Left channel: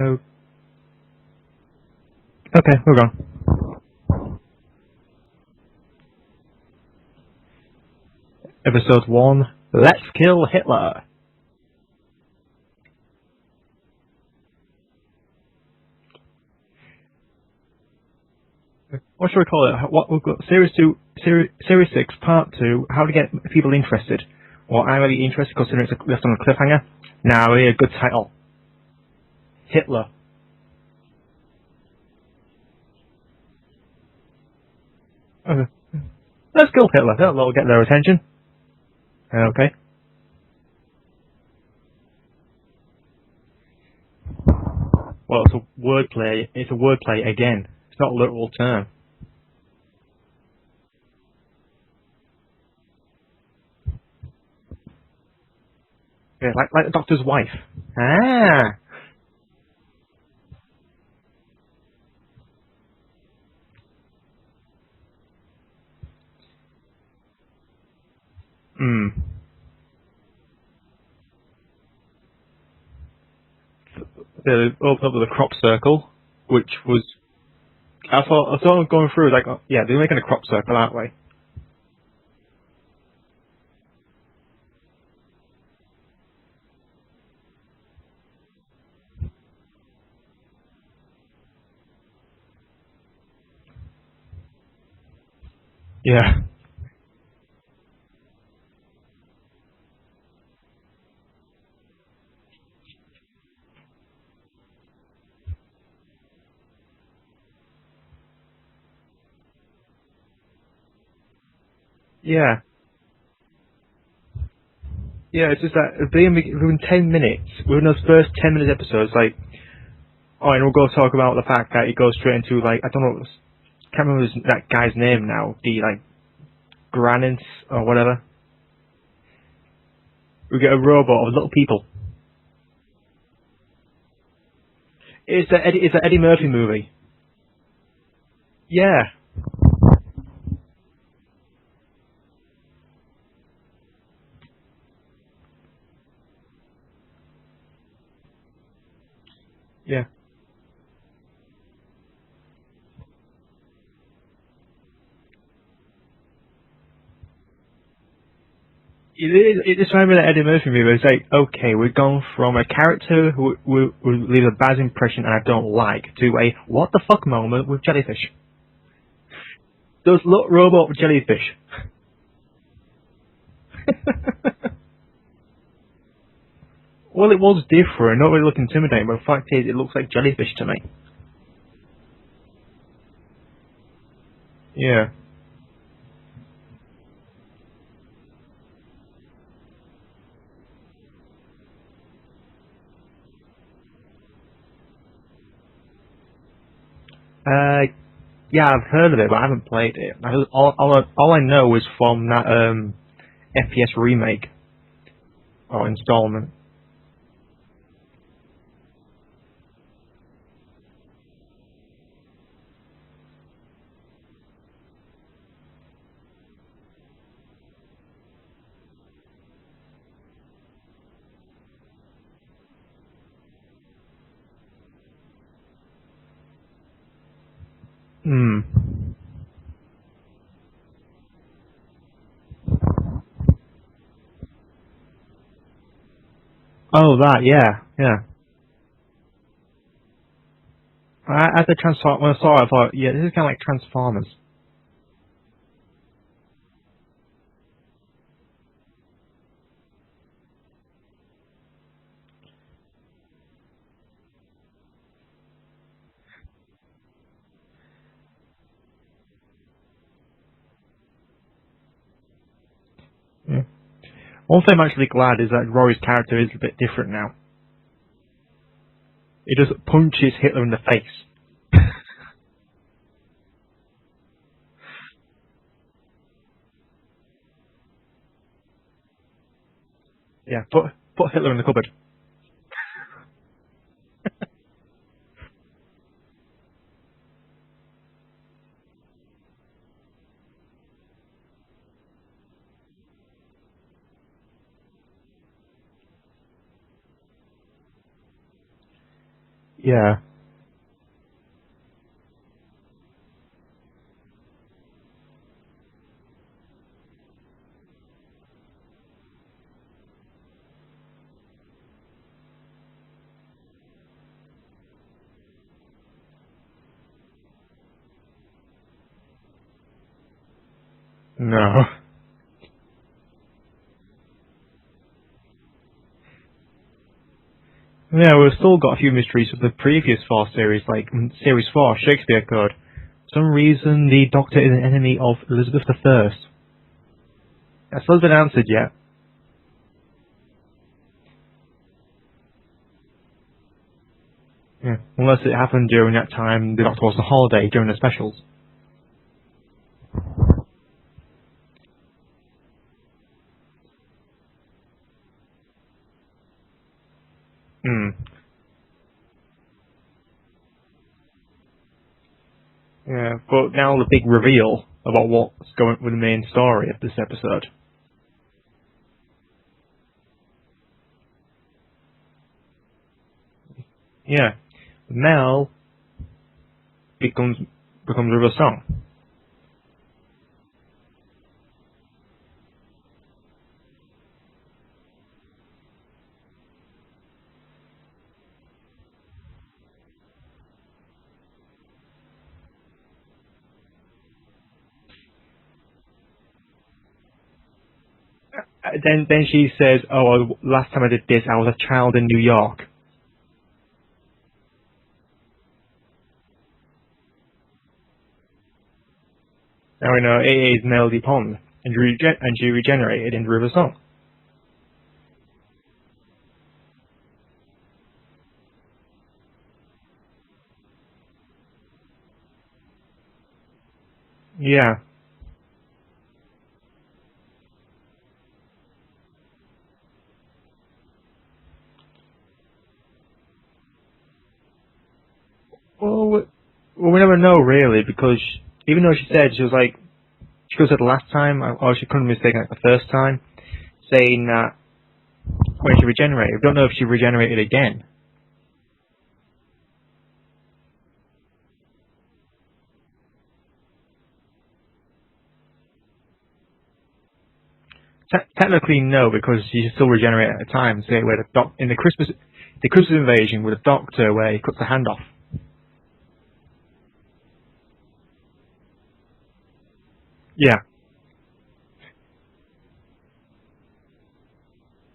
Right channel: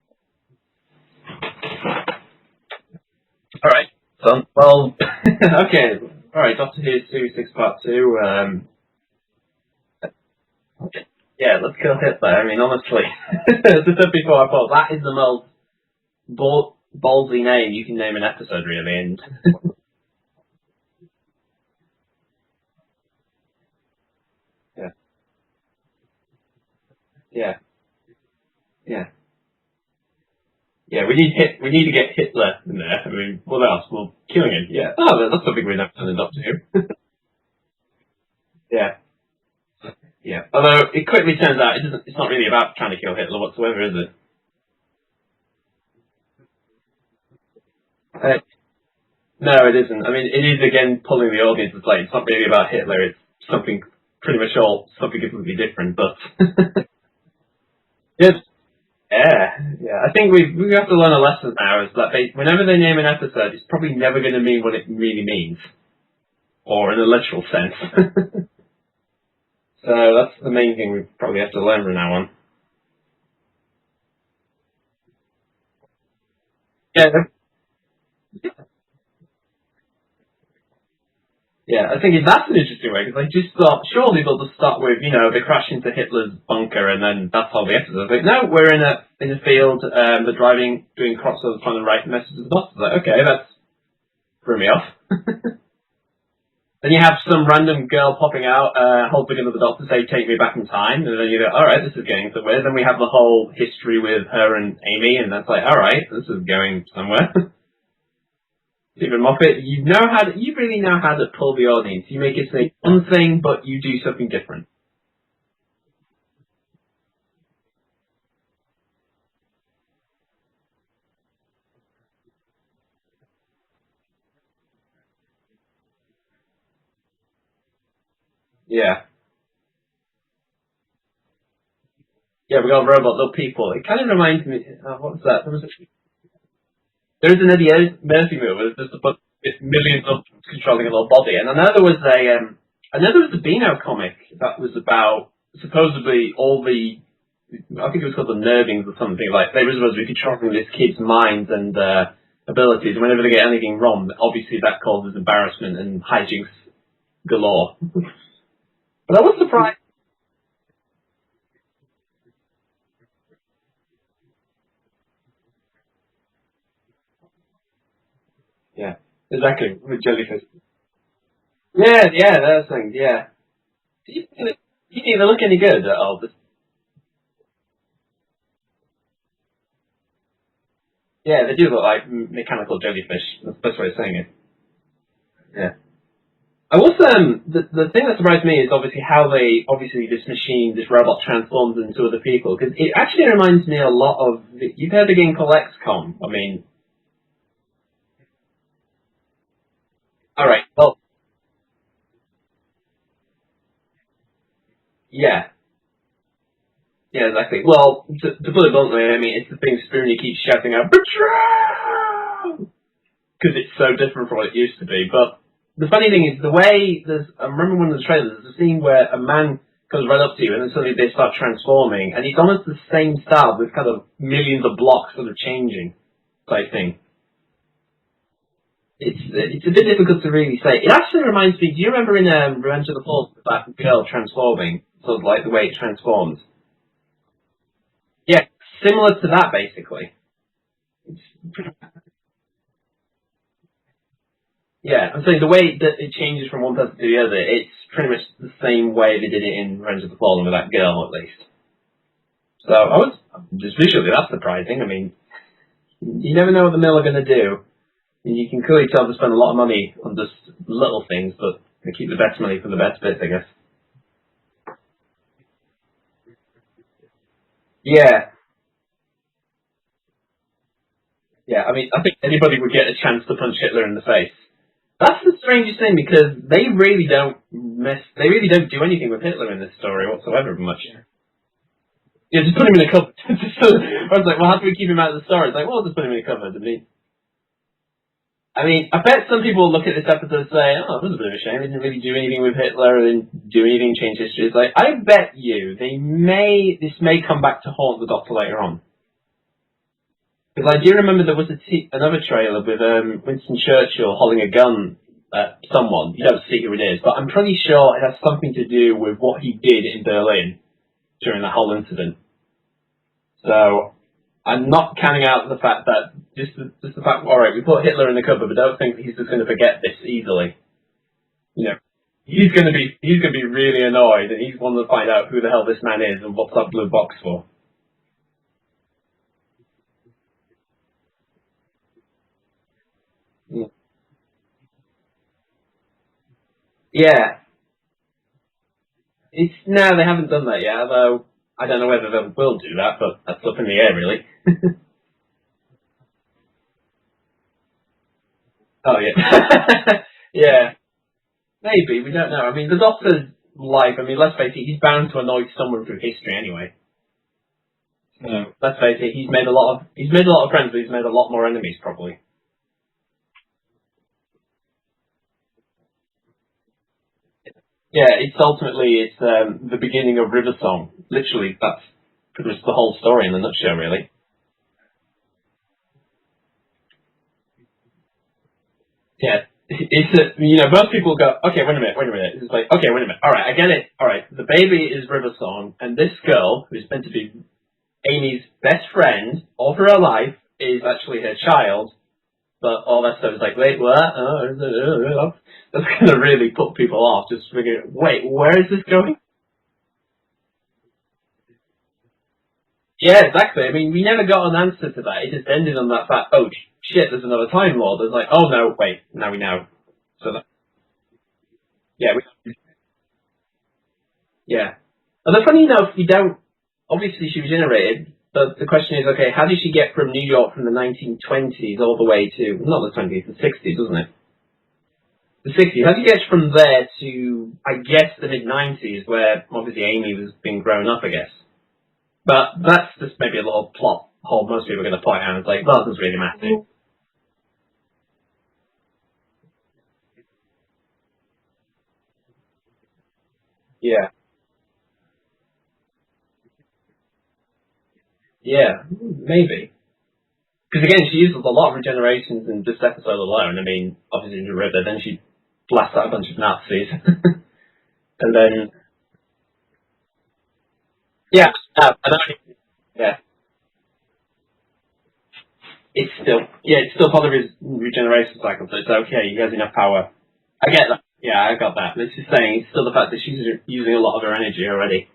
Oh. Okay, we're gone. Alright, done. Well, okay. Alright, Doctor Who Series 6 Part 2. Episode 1. Let's kill Hitler. Yeah, let's kill Hitler. I mean, honestly, as I said before, I thought that is the most ballsy name you can name an episode, really. And What should we call it? What we've got Series 2, Series 6, Part 2. How to get people interested. Well, I'm really interested considering it's left on a cliffhanger. Now, we need a good title. Yeah. Hitler. Yeah, we need to get Hitler in there. I mean, what else? Well, killing him. Yeah. Oh, that's something we've never done in Doctor Who. Let's kill Hitler. That'll get their attention. Yeah. Okay. Yeah. Although it quickly turns out it's not really about trying to kill Hitler whatsoever, is it? Well, it's a wordplay. It's a wordplay again. It's not a literal term. No, it isn't. I mean, it is again pulling the audience. It's not really about Hitler. It's something pretty much something completely different. But Yeah, like the Doctor's wife. Yeah, I think we have to learn a lesson now. Is that whenever they name an episode, it's probably never going to mean what it really means, or in a literal sense. So that's the main thing we probably have to learn from now on. They opened up with a crop circle, which was... Yeah. I thought going through, like, yeah, they're making a crop circle, aren't they? Yeah, I think that's an interesting way, because I just thought, surely they'll just start with, they crash into Hitler's bunker, and then that's all the episode. Like, no, we're in a field, they're doing crop circles, trying to write a message to the doctor. Like, okay, that's threw me off. Yeah. Then you have some random girl popping out, holding another doctor, say, take me back in time, and then you go, alright, this is getting somewhere. Then we have the whole history with her and Amy, and that's like, alright, this is going somewhere. Stephen Moffat, you really know how to pull the audience. You make it say one thing, but you do something different. Yeah, it's just that within 10 minutes, within those first 10 minutes episodes, like, and we'll go talk about the fact that it goes straight into, like, I don't know, can't remember that guy's name now, Granins or whatever. Yeah. We get a robot of little people. Yeah, we got a robot little people. It kind of reminds me, what's that? It's an Eddie Murphy movie. There is an Eddie Murphy movie. Yeah. With millions of controlling a little body. And I know there was a Beano comic that was about supposedly all the, I think it was called the Nervings or something, like they were supposed to be controlling this kid's mind and abilities, and whenever they get anything wrong, obviously that causes embarrassment and hijinks galore. But I was surprised. It's remember that Eddie Murphy movie. It's like, okay, we've gone from a character who leaves a bad impression and I don't like to a what the fuck moment with jellyfish. Yeah, exactly. With jellyfish. Robot with jellyfish. Yeah, that's things. Yeah. You didn't look any good at all. Well, it was different. Not really look intimidating, but the fact is, it looks like jellyfish to me. Yeah, they do look like mechanical jellyfish. That's the best way of saying it. Yeah. Yeah. I was the thing that surprised me is how this robot transforms into other people, because it actually reminds me a lot of you've heard of a game called XCOM. I mean, yeah, I've heard of it, but I haven't played it. All I know is from that FPS remake. Yeah. Or installment. Yeah, exactly. Well, to put it bluntly, I mean, it's the thing Spoonie keeps shouting out, "Betrayal!" because it's so different from what it used to be. But the funny thing is, I remember one of the trailers, there's a scene where a man comes right up to you and then suddenly they start transforming, and it's almost the same style with kind of millions of blocks sort of changing type thing. It's a bit difficult to really say. It actually reminds me, do you remember in Revenge of the Falls, that girl transforming, sort of like the way it transforms? Oh, that, yeah. Yeah, similar to that, basically. When I saw it, I thought, yeah, this is kind of like Transformers. Yeah, I'm saying the way that it changes from one person to the other, it's pretty much the same way they did it in Revenge of the Fallen with that girl, at least. So, just visually, that's surprising. I mean, you never know what the mill are going to do. And you can clearly tell they spend a lot of money on just little things, but they keep the best money for the best bits, I guess. Yeah. One thing I'm actually glad is that Rory's character is a bit different now. Yeah. He just punches Hitler in the face. Yeah, I mean, I think anybody would get a chance to punch Hitler in the face. That's the strangest thing, because they really don't do anything with Hitler in this story whatsoever. Yeah, much. Put Hitler in the cupboard. Yeah, just put him in a cupboard. I was like, well, how do we keep him out of the story? It's like, well, just put him in a cupboard. I mean, I bet some people will look at this episode and say, oh, it was a bit of a shame. They didn't really do anything with Hitler, or didn't do anything to change history. It's like, I bet you this may come back to haunt the Doctor later on. Yeah. Because I do remember there was another trailer with Winston Churchill holding a gun at someone. You don't see who it is, but I'm pretty sure it has something to do with what he did in Berlin during the whole incident. So I'm not counting out the fact that just the fact, all right, we put Hitler in the cupboard, but don't think he's just going to forget this easily. No. You know, he's going to be really annoyed, and he's wanting to find out who the hell this man is and what's that blue box for. Yeah, we've still got a few mysteries of the previous 4 series, like Series 4, Shakespeare Code. For some reason, the Doctor is an enemy of Elizabeth I. Yeah. That's still been answered yet. No, they haven't done that yet, although I don't know whether they will do that, but that's up in the air, really. Yeah. Unless it happened during that time the Doctor was on holiday during the specials. Oh, yeah. Yeah. Maybe, we don't know. I mean, the Doctor's life, I mean, let's face it, he's bound to annoy someone through history anyway. So, let's face it, he's made a lot of friends, but he's made a lot more enemies, probably. Yeah, but now the big reveal about what's going with the main story of this episode. Yeah, it's the beginning of River Song. Literally, that's pretty much the whole story in a nutshell, really. Yeah. Mel becomes River Song. Yeah. Most people go, okay, wait a minute. It's like, okay, wait a minute. All right, I get it. All right, the baby is River Song, and this girl, who's meant to be Amy's best friend all through her life, is actually her child. But all that stuff is like, wait, what? That's going to really put people off. Just figuring, wait, where is this going? Then she says, oh, last time I did this, I was a child in New York. Yeah, exactly. I mean, we never got an answer to that. It just ended on that fact, oh, shit, there's another Time Lord. It's like, oh, no, wait, now we know. Now we know it is Melody Pond, and she regenerated in River Song. Yeah. And the funny enough, we don't, obviously she regenerated, but the question is, okay, how did she get from New York from the 1920s all the way to, not the 20s, the 60s, wasn't it? Yeah. The 60s. How did you get from there to, I guess, the mid-90s, where obviously Amy was being grown up, I guess? But that's just maybe a little plot hole most people are going to point out. It's like, well, this doesn't really matter. Well, we never know, really, because even though she said, she was like, she could have said the last time, or she couldn't have mistaken it the first time, saying that when she regenerated, we don't know if she regenerated again. Yeah, maybe. Because again, she uses a lot of regenerations in this episode alone. I mean, obviously in the river, then she blasts out a bunch of Nazis. And then, technically no, because she still regenerated at a time. Say where the Christmas invasion with a Doctor where he cuts the hand off. It's still part of his regeneration cycle, so it's okay. He has enough power. Yeah. I get that. Yeah, I got that. But it's just saying, it's still the fact that she's using a lot of her energy already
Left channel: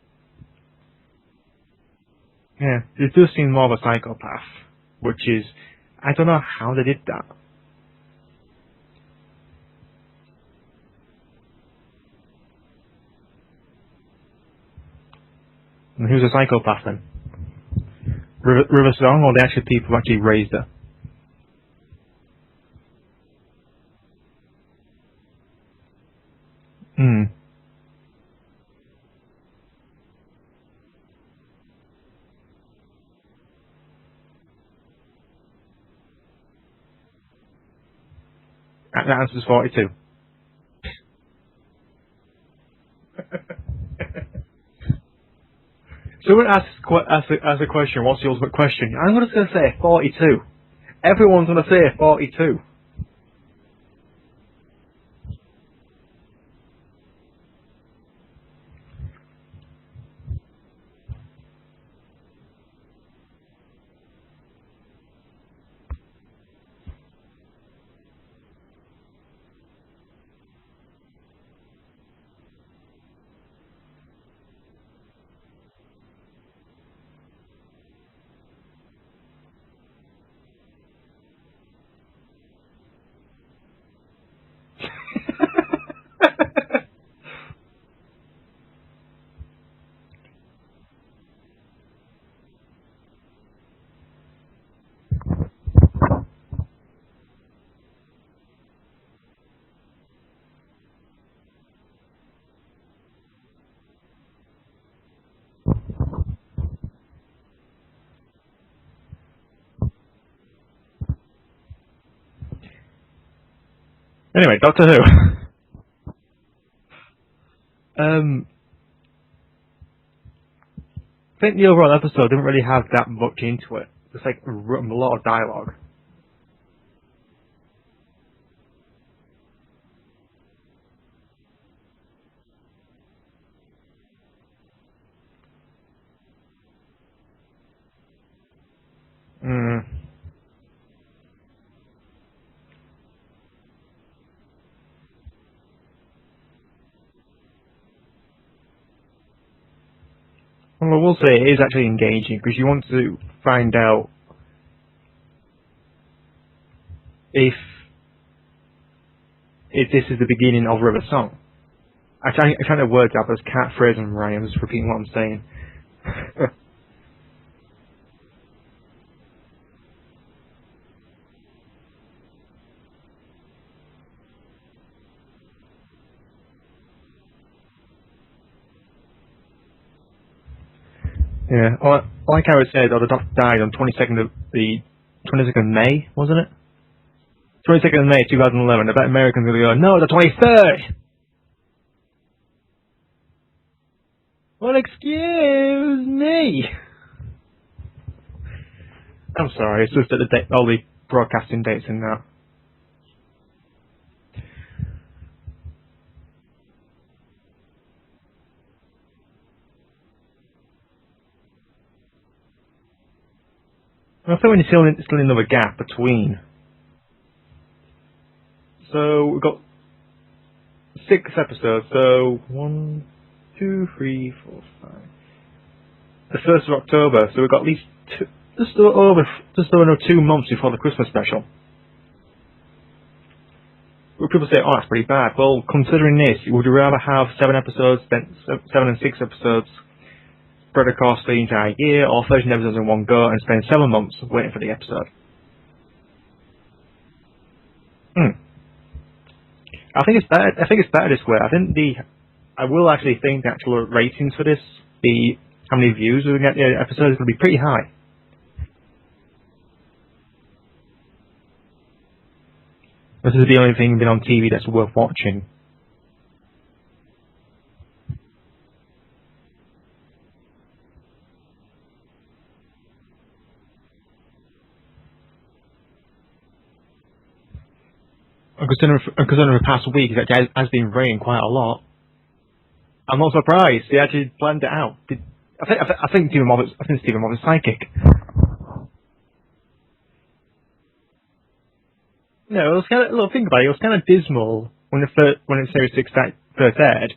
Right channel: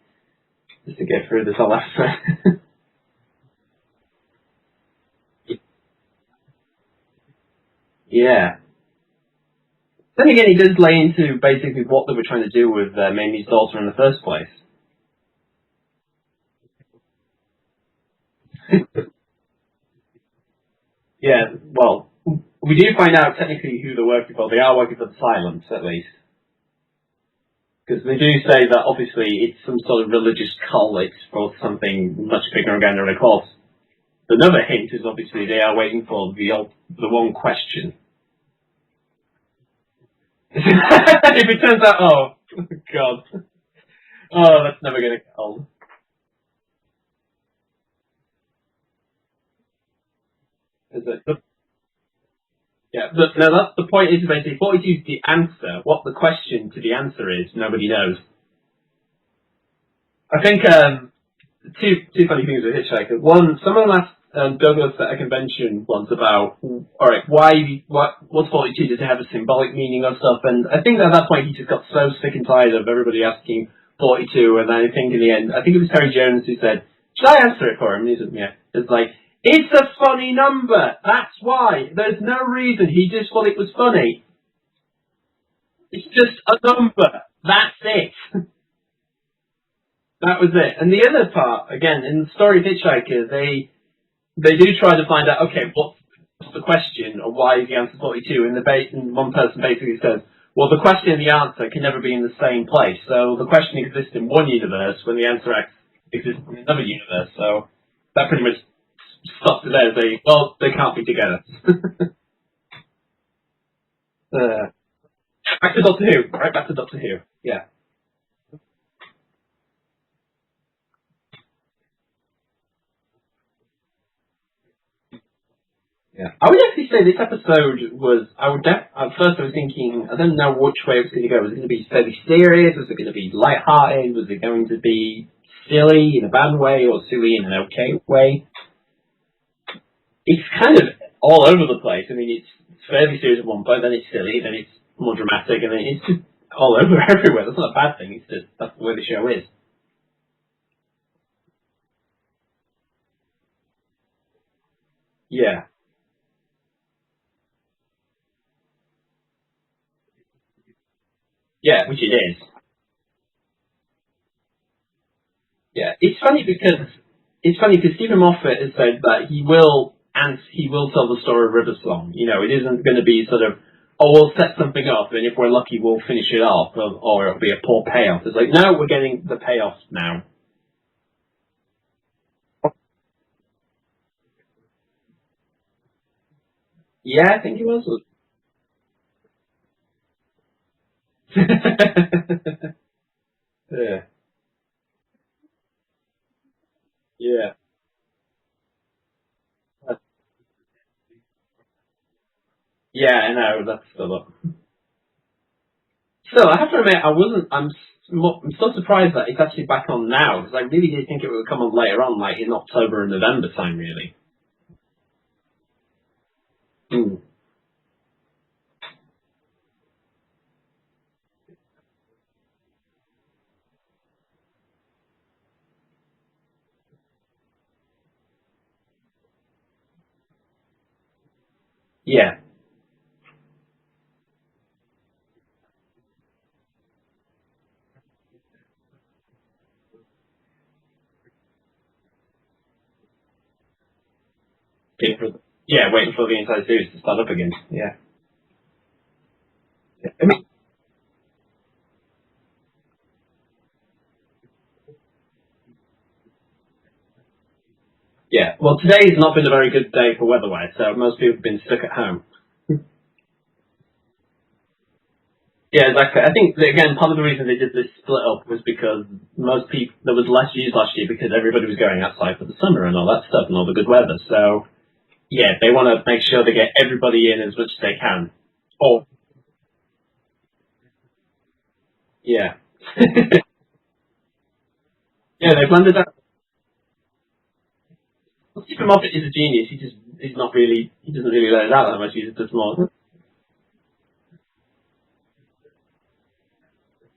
just to get through this whole episode. Yeah, it does seem more of a psychopath, which is, I don't know how they did that. Yeah. Then again, he does lay into basically what they were trying to do with Mamie's daughter in the first place. And who's a psychopath then? River Song, or the actual people who actually raised her? Yeah, well, we do find out technically who they're working for. They are working for the Silence, at least. Because they do say that obviously it's some sort of religious cult for something much bigger and grander. And of course, another hint is obviously they are waiting for the one question. That answer's 42. If it turns out, oh god, oh that's never gonna get old. Someone asks a question. What's the ultimate question? I'm just gonna say 42. Everyone's gonna say 42. Yeah, but no, that's the point. Is basically 42 is the answer. What the question to the answer is, nobody knows. I think two funny things with Hitchhiker. One, someone asked Douglas at a convention once about, all right, what's 42? Does it have a symbolic meaning or stuff? And I think at that point he just got so sick and tired of everybody asking 42, and I think in the end, I think it was Terry Jones who said, should I answer it for him? And he said, yeah. It's like, it's a funny number. That's why. There's no reason. He just thought it was funny. It's just a number. That's it. That was it. And the other part, again, in the story of Hitchhiker, they do try to find out, okay, what's the question, or why is the answer 42? And one person basically says, well, the question and the answer can never be in the same place. So the question exists in one universe when the answer exists in another universe. So that pretty much stops it there. They can't be together. Anyway, Doctor Who. Back to Doctor Who. Right back to Doctor Who. Yeah. I think the overall episode didn't really have that much into it. It's like a lot of dialogue. Yeah, I would actually say this episode was. At first, I was thinking, I don't know which way it was going to go. Was it going to be fairly serious? Was it going to be light-hearted? Was it going to be silly in a bad way or silly in an okay way? Mm. It's kind of all over the place. I mean, it's fairly serious at one point, then it's silly, then it's more dramatic, and then it's just all over everywhere. That's not a bad thing. It's just that's the way the show is. Well, I will say it is actually engaging because you want to find out Yeah. if this is the beginning of River's song. Yeah, which it is. I trying to work out those catchphrases and rhymes, repeating what I'm saying. Yeah, it's funny because Stephen Moffat has said that he will tell the story of River's song. You know, it isn't going to be sort of, oh, we'll set something up, and if we're lucky, we'll finish it off, or it'll be a poor payoff. It's like, no, we're getting the payoff now. Yeah, like I said, the doctor died on 22nd of May, wasn't it? Yeah, I think it was. 22nd of May 2011. I bet Americans are going to go, no, the 23rd! Yeah. Well, excuse me! Yeah. I'm sorry, it's just that all the broadcasting dates in now. Yeah, I know, that's still up. Still, I have to admit, I'm so surprised that it's actually back on now, because I really did think it would come on later on, like in October and November time, really. I think we're still in another gap between. Mm. So, we've got 6 episodes, so 1, 2, 3, 4, 5. The 1st of October, so we've got at least just over 2 months before the Christmas special. Yeah. Well, people say, oh, that's pretty bad. Well, considering this, would you rather have 7 episodes, then 7 and 6 episodes spread across the entire year, or 13 episodes in one go and spend 7 months waiting for the episode? Waiting for the entire series to start up again. Yeah. I think it's better this way. I will actually think the actual ratings for this, how many views we get the episode is going to be pretty high. Yeah. Well, today's not been a very good day for weather-wise, so most people have been stuck at home. This is the only thing been on TV that's worth watching. Yeah, exactly. I think, again, part of the reason they did this split up was because there was less views last year because everybody was going outside for the summer and all that stuff and all the good weather. So, yeah, they want to make sure they get everybody in as much as they can. Because over the past week, it has been raining quite a lot. Yeah. I'm not surprised. They actually planned it out. They planned it out. I think Stephen Moffat's psychic. Stephen Moffat is a genius. He doesn't really let it out that much. He just does it was kind of, think about it. It was kind of dismal when Series 6 first aired.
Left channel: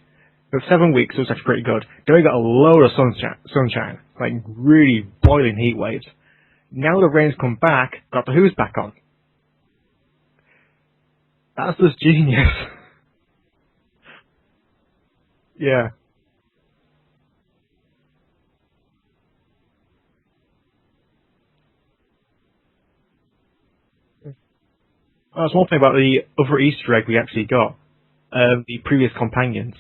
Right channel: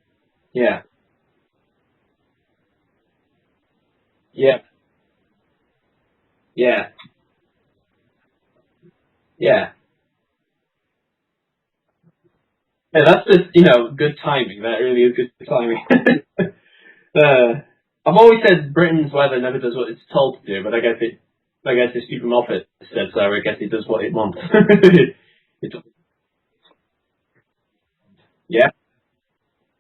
For 7 weeks, it was actually pretty good. Then we got a load of sunshine, really boiling heat waves. Yeah. Now the rain's come back, got the Who's back on. Yeah. That's just genius. Yeah, that's just, good timing. That really is good timing. Yeah. I've always said Britain's weather never does what it's told to do, but I guess it's Stephen Moffat said so. I guess it does what it wants. That's one thing about the other Easter egg we actually got. The previous companions.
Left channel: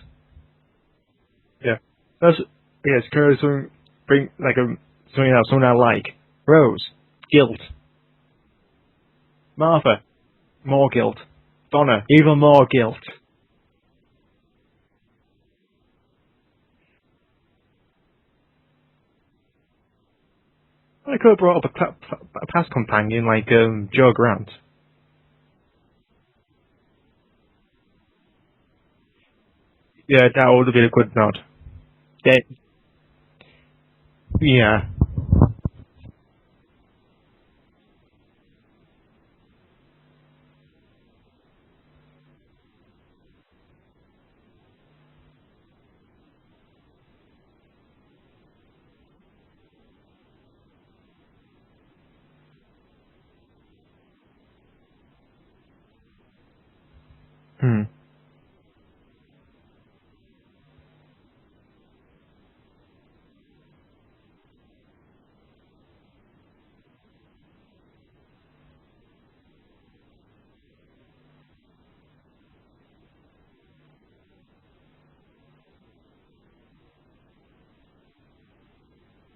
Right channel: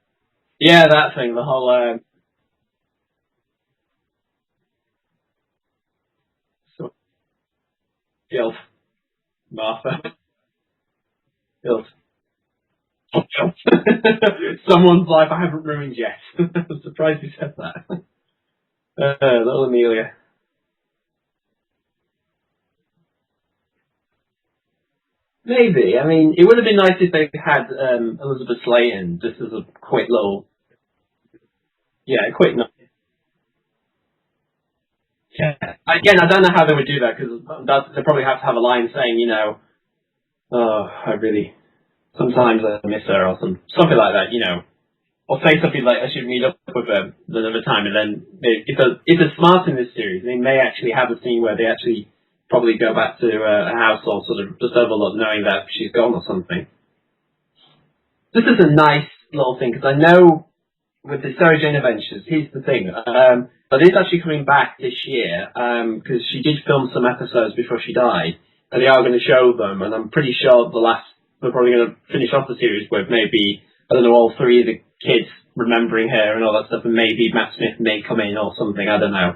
Yeah, that thing. The whole. It's because bring someone I like. Rose, guilt. Martha, more guilt. Donna, even more guilt. Someone's life I haven't ruined yet. I'm surprised you said that. Little Amelia. I could have brought up a past companion like Joe Grant. Maybe. I mean, it would have been nice if they had Elizabeth Slaton just as a quick. Yeah, that would have been a good nod. Yeah, a quick nod. Yeah. Again, I don't know how they would do that because they probably have to have a line saying, oh, sometimes I miss her or something like that, or say something like I should meet up with her another time, and then if they're smart in this series, they may actually have a scene where they actually probably go back to a house or sort of just overlook knowing that she's gone or something. This is a nice little thing because I know with the Sarah Jane Adventures, here's the thing. But it's actually coming back this year because she did film some episodes before she died, and they are going to show them. And I'm pretty sure they're probably going to finish off the series with maybe, I don't know, all 3 of the kids remembering her and all that stuff, and maybe Matt Smith may come in or something. I don't know.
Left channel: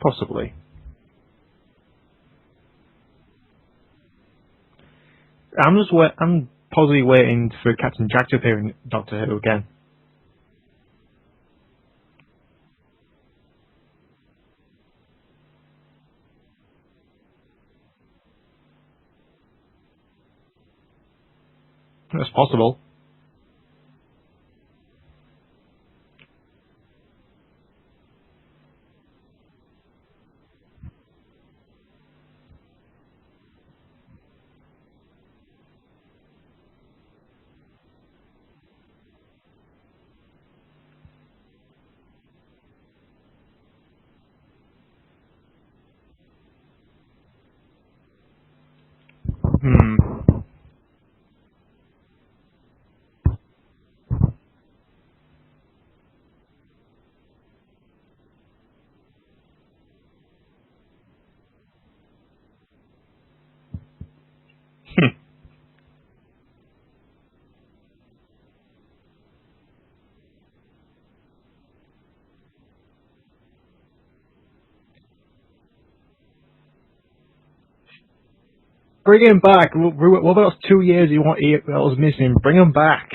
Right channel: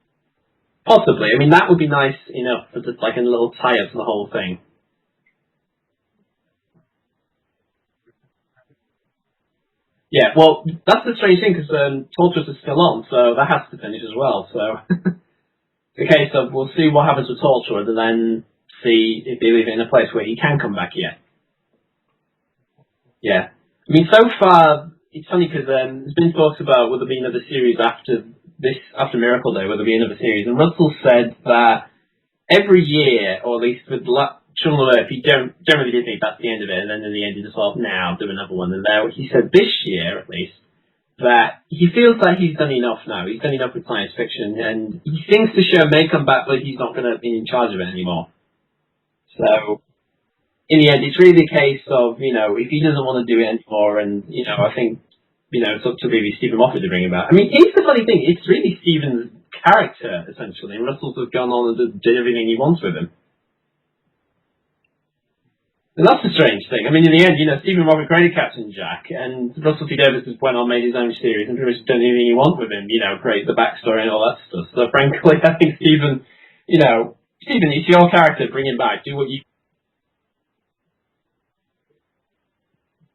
Possibly. I mean, that would be nice enough for just like a little tie-up to the whole thing. I'm possibly waiting for Captain Jack to appear in Doctor Who again. Yeah, well, that's the strange thing, because Tortoise is still on, so that has to finish as well, so... the case of we'll see what happens with Torchwood and then see if they leave it in a place where he can come back yet. That's possible. Yeah. I mean, so far, it's funny because there's been talks about will there be another series after Miracle Day, will there be another series? And Russell said that every year, or at least with Children of Earth, he generally did think that's the end of it, and then in the end he just thought, now do another one. And there, he said this year, at least, that he feels like he's done enough now. He's done enough with science fiction, and he thinks the show may come back, but he's not going to be in charge of it anymore. So, in the end, it's really a case of, if he doesn't want to do it anymore, and, I think, it's up to maybe Stephen Moffat to bring him back. I mean, here's the funny thing, it's really Stephen's character, essentially, and Russell's have gone on and did everything he wants with him. And that's the strange thing. I mean, in the end, Stephen Moffat created Captain Jack, and Russell T Davies has went on, made his own series, and pretty much done anything he wants with him, create the backstory and all that stuff. So, frankly, I think Stephen, Stephen, it's your character, bring him back. Bring him back. What about those 2 years that was missing? Bring him back.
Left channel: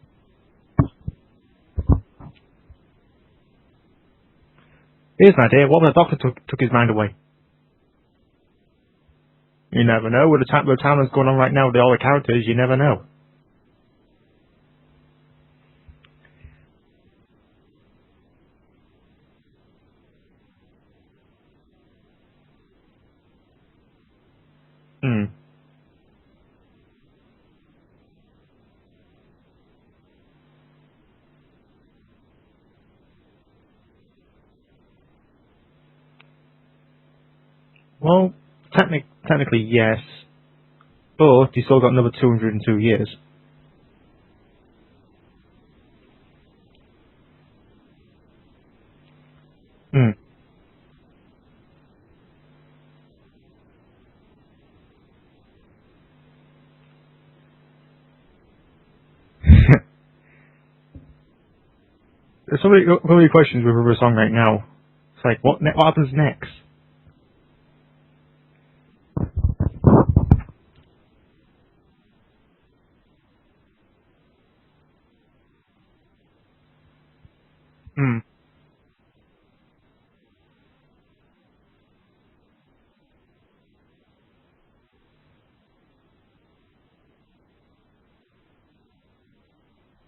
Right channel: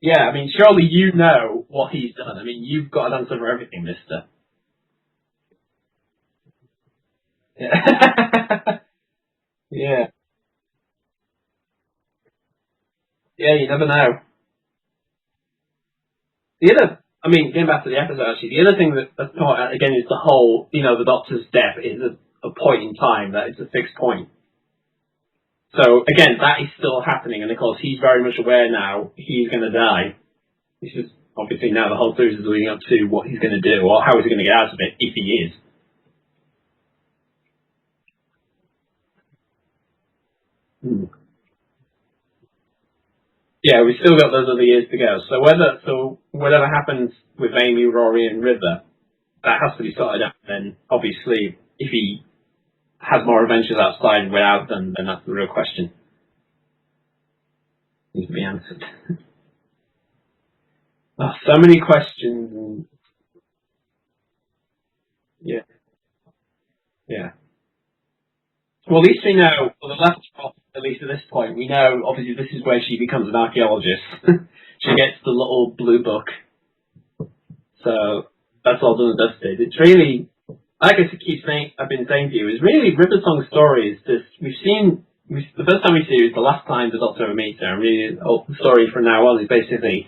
Yeah, I mean, surely you know what he's done. I mean, you've got an answer for everything, mister. Here's an idea. What when the Doctor took his mind away? Yeah. You never know. With the time that's going on right now with all the characters, you never know. Yeah, you never know. Getting back to the episode, actually, the other thing that's not, again, is the whole, the Doctor's death is a point in time, that it's a fixed point. Mm. So, again, that is still happening, and of course, he's very much aware now he's going to die. This is, obviously, now the whole series is leading up to what he's going to do, or how he's going to get out of it, if he is. Well, technically, yes. But he's still got another 202 years. Yeah, we've still got those other years to go. So whatever happens with Amy, Rory, and River, that has to be sorted out. Then, obviously, if he has more adventures outside without them, then that's the real question. Needs to be answered. So many questions. There's so many questions with River Song right now. It's like, what happens next? Yeah. Well, at least we know, at least at this point, we know, obviously, this is where she becomes an archaeologist. She gets the little blue book. So, that's all done and dusted. It's really, like I've been saying to you, is really River Song's story is this, the first time we see her is the last time the Doctor ever meets her, and really, the story from now on is basically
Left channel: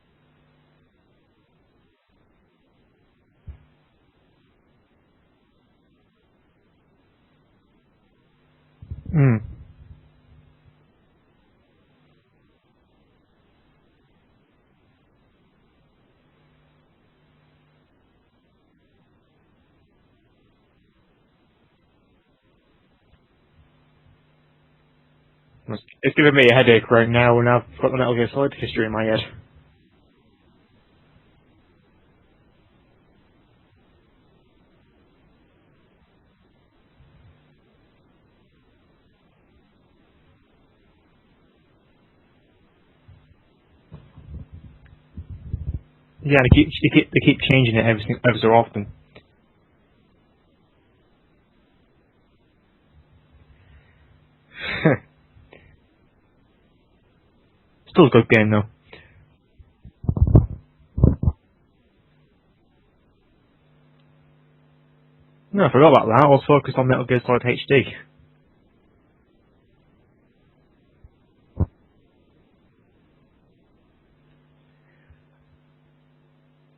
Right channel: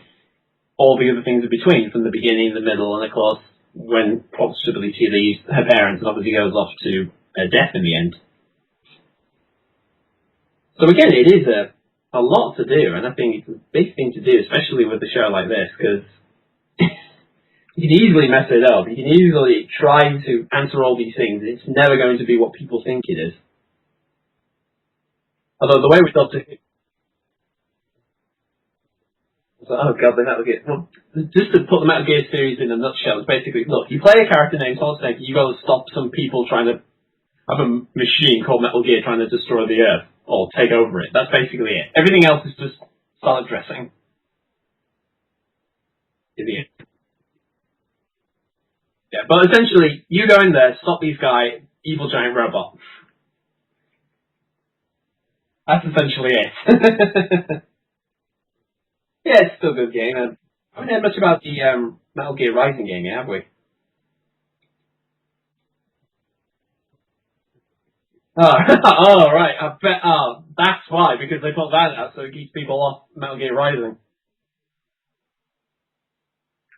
all the other things in between, from the beginning, the middle, and of course, when possibly she leaves her parents and obviously goes off to death in the end. Mm. So again, it is a lot to do, and I think it's a big thing to do, especially with a show like this, because you can easily mess it up. You can easily try to answer all these things. It's never going to be what people think it is. Although the way it's giving me a headache right now, and I've got the Metal Gear Solid history in my head. So, oh god, the Metal Gear. Well, just to put the Metal Gear series in a nutshell, it's basically, look, you play a character named Solid Snake, you got to stop some people trying to have a machine called Metal Gear trying to destroy the Earth, or take over it. That's basically it. Everything else is just salad dressing. Yeah, they keep changing it ever so often. Yeah, but essentially, you go in there, stop these guys, evil giant robot. That's essentially it. Still a good game, though. Yeah, it's still a good game. I haven't heard much about the Metal Gear Rising game yet, have we? No, I forgot about that. I was focused on Metal Gear Solid HD. Oh, right. I bet. That's why, because they put that out so it keeps people off Metal Gear Rising.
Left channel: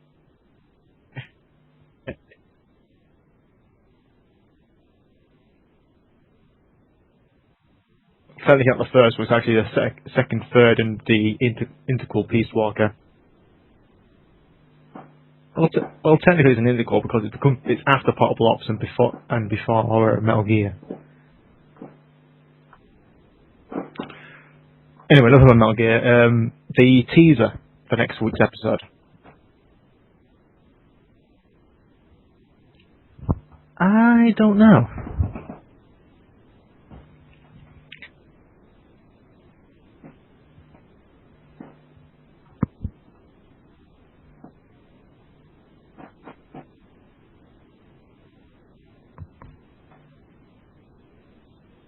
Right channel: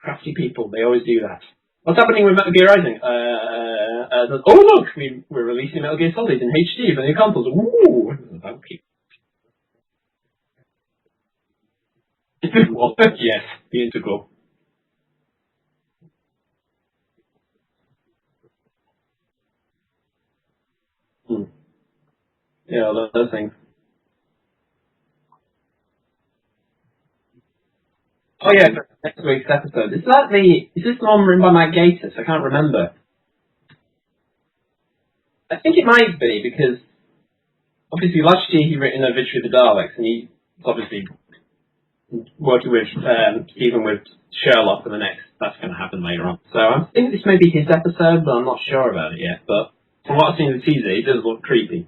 Crafty people, they always do that. What's happening with Metal Gear Rising? Oh look, we're releasing Metal Gear Solid in HD for the consoles. Ooh! Technically not the first, but it's actually the second, third, and the integral piece. Yes, the integral. Well, technically it's an integral because it's after Portable Ops and before Metal Gear. Yeah, those things. Anyway, enough about Metal Gear. The teaser for next week's episode. Oh yeah, next week's episode. Is this the one written by Mike Gatiss? I can't remember. I don't know. I think it might be, because obviously last year he written A Victory of the Daleks, and he's obviously working with Stephen with Sherlock for the next. That's going to happen later on. So I think this may be his episode, but I'm not sure about it yet. But from what I've seen in the teaser, it does look creepy.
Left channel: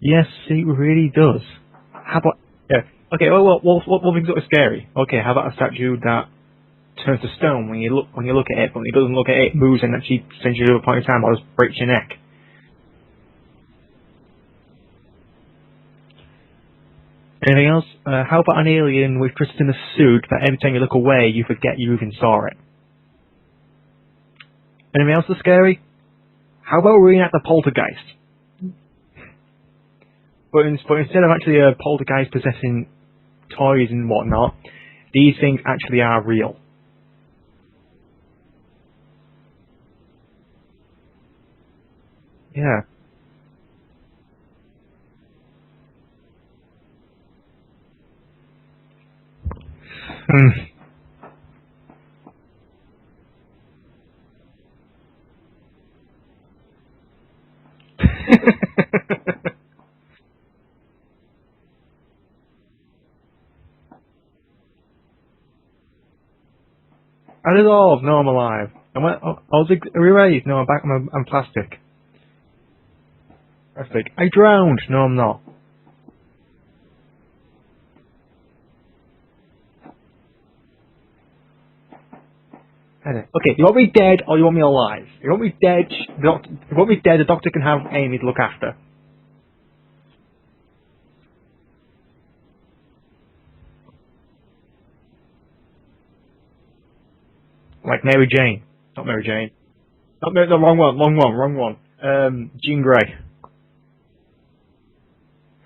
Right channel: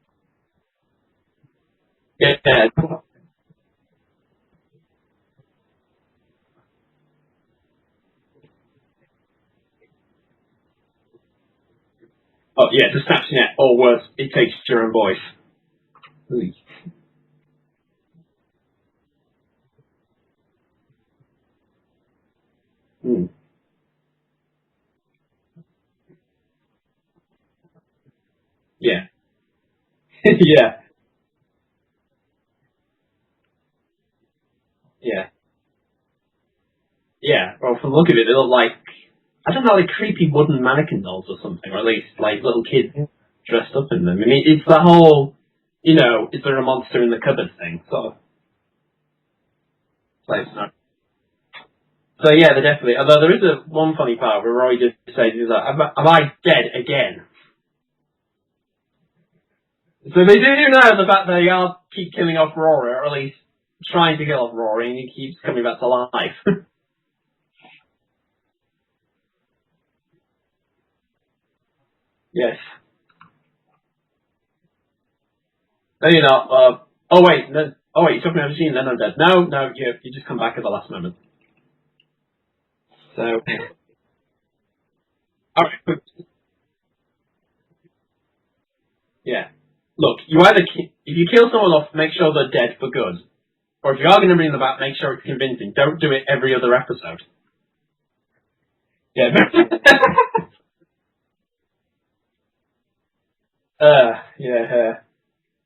Yes, it really does. Okay, what makes it scary? Okay, how about a statue that turns to stone when you look at it, but when it doesn't look at it, it moves and actually sends you to a point in time or just breaks your neck. Oh yeah, just snaps your neck, or worse, it takes your own voice. Anything else? How about an alien with just in a suit that every time you look away, you forget you even saw it? Mm. Anything else that's scary? How about reenact the poltergeist? Yeah. Yeah. But instead of actually a poltergeist possessing toys and whatnot, these things actually are real. Yeah, well, from the look of it, they look like, I don't know, like creepy wooden mannequin dolls or something, or at least like little kids dressed up in them. I mean, it's that whole, is there a monster in the cupboard thing, sort of. So yeah, they definitely. Although there is one funny part where Roy just says, he's like, "Am I dead again?" So they do know the fact that they are keep killing off Rory, or at least trying to kill off Rory, and he keeps coming back to life. I dissolved. No, I'm alive. I was erased. No, I'm back. I'm plastic. Yes. Plastic. I drowned. No, I'm not. No, you're not. Oh wait, you took me out of the machine. Then I'm dead. No, you just come back at the last moment. Okay, you want me dead or you want me alive? You want me dead? You want me dead? The doctor can have Amy to look after. Yeah. Look, you either if you kill someone off, make sure they're dead for good, or if you are going to bring them back, make sure it's convincing. Don't do it every other episode. Like Mary Jane, not Mary Jane. No, the wrong one. Jean Grey. Yeah.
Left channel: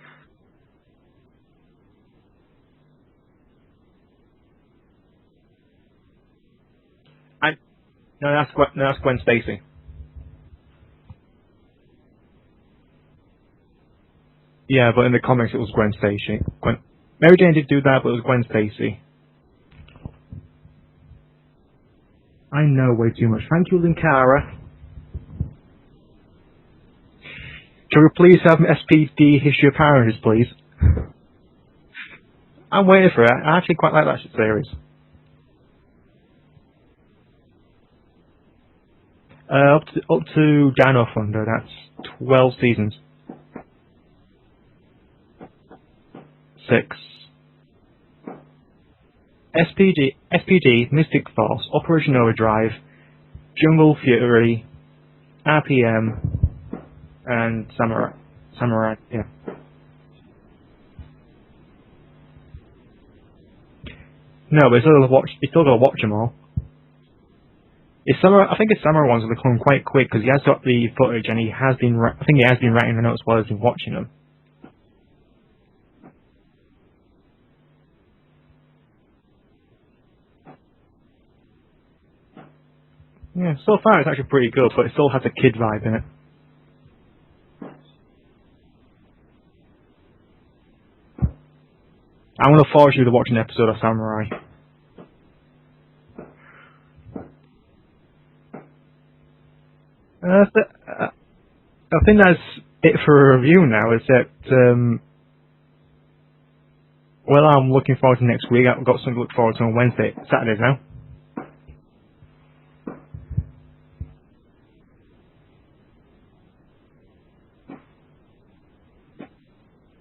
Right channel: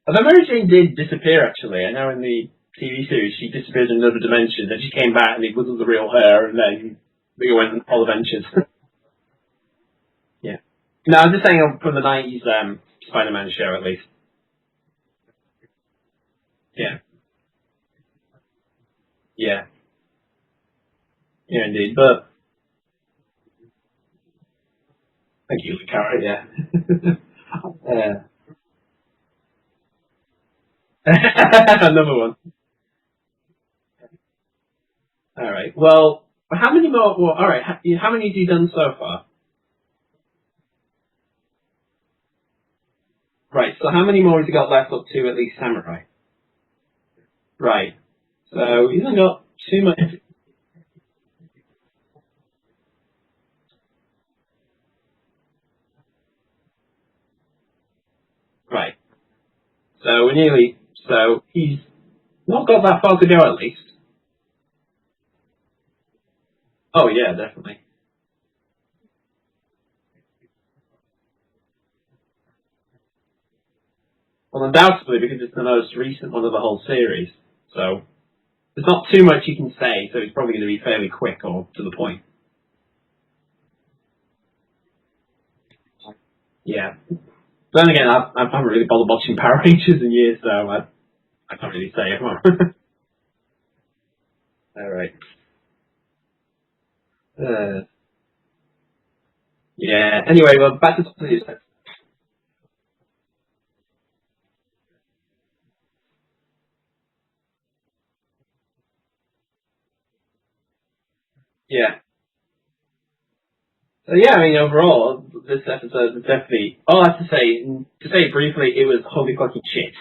Although Mary Jane did disappear, actually. I know in the TV series she disappeared in another dimension, then she came back and it wasn't the real her, and then we went on all adventures. No, that's Gwen Stacy. Yeah. No, I'm just saying from the 90s Spider-Man show, at least. Yeah, but in the comics it was Gwen Stacy. Yeah. Mary Jane did do that, but it was Gwen Stacy. Yeah. Yeah, indeed, but... I know way too much. Thank you, Linkara. Thank you, Linkara, yeah. Can we please have SPD History of Power Rangers, please? Another one. I'm waiting for it. I actually quite like that series. Alright, well, how many more... Well, alright, how many have you done so far? Up to Dino Thunder, that's 12 seasons. Right, so how many more have you got left up to at least Samurai? 6. Right. So, you haven't got... SPD, Mystic Force, Operation Overdrive, Jungle Fury, RPM, and Samurai. Right. Yeah. So, we're nearly... So, he's not got that far to go at least. No, but he's still got to watch them all. Oh, yeah, definitely. I think his Samurai ones will come quite quick because he has got the footage and I think he has been writing the notes while he's been watching them. Well, undoubtedly, because it's the most recent one of the whole series. So, there's not too much you can say, so it's probably going to be fairly quick or to the point. Yeah, so far it's actually pretty good, but it still has a kid vibe in it. Yeah. Then again, I haven't really bothered watching Power Rangers in years, so I can't really say. I'm going to force you to watch an episode of Samurai. Alright. Yeah, anyway, well, back to... I think that's it for a review now, except, well, I'm looking forward to next week. I've got something to look forward to on Saturdays now. Yeah. So yeah, I mean, overall, this episode was definitely... All I have to say it briefly, it was holy fucking shit.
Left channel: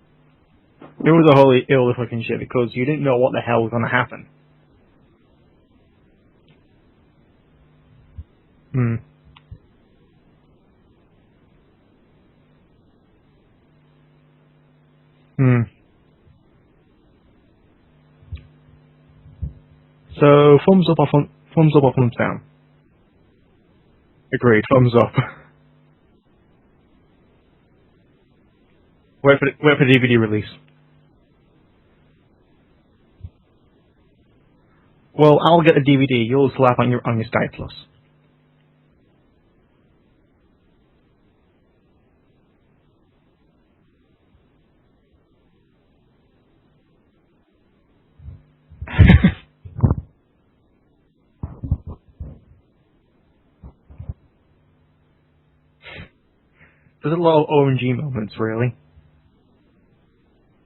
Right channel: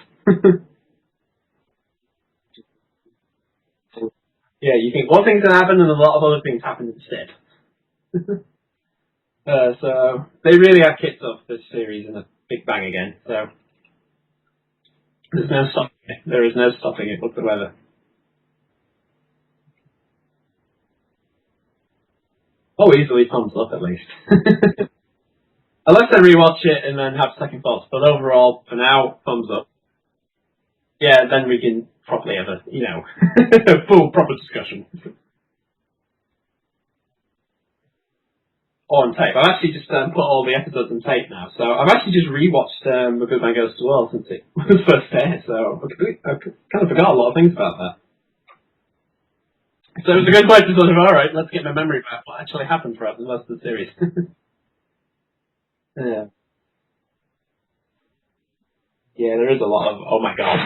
It was a holy ill fucking shit because you didn't know what the hell was going to happen. Yeah, you think one thing's going to happen and a lot of other things happen instead. So, they really have kicked off this series in a big bang again, so... There's no stopping it. There is no stopping it whatsoever. So, thumbs up or thumbs down? Oh, easily thumbs up at least. Great, thumbs up. Unless I rewatch it and then have second thoughts, but overall, for now, wait for DVD release. Yeah, then we can properly have a, full proper discussion. Well, I'll get the DVD. You'll slap on your Sky Plus. On tape. I've actually just put all the episodes on tape now, so I've actually just rewatched The Good Man Goes to War since it was first aired, so I kind of forgot a lot of things about that. So it was a good point to sort of, alright, let's get my memory back. What actually happened throughout the rest of the series. Yeah. There's a lot of OMG moments, really. Yeah, there is a lot of, oh my god.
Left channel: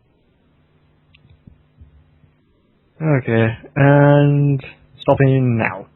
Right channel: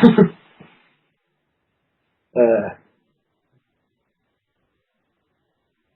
Okay, and stopping now.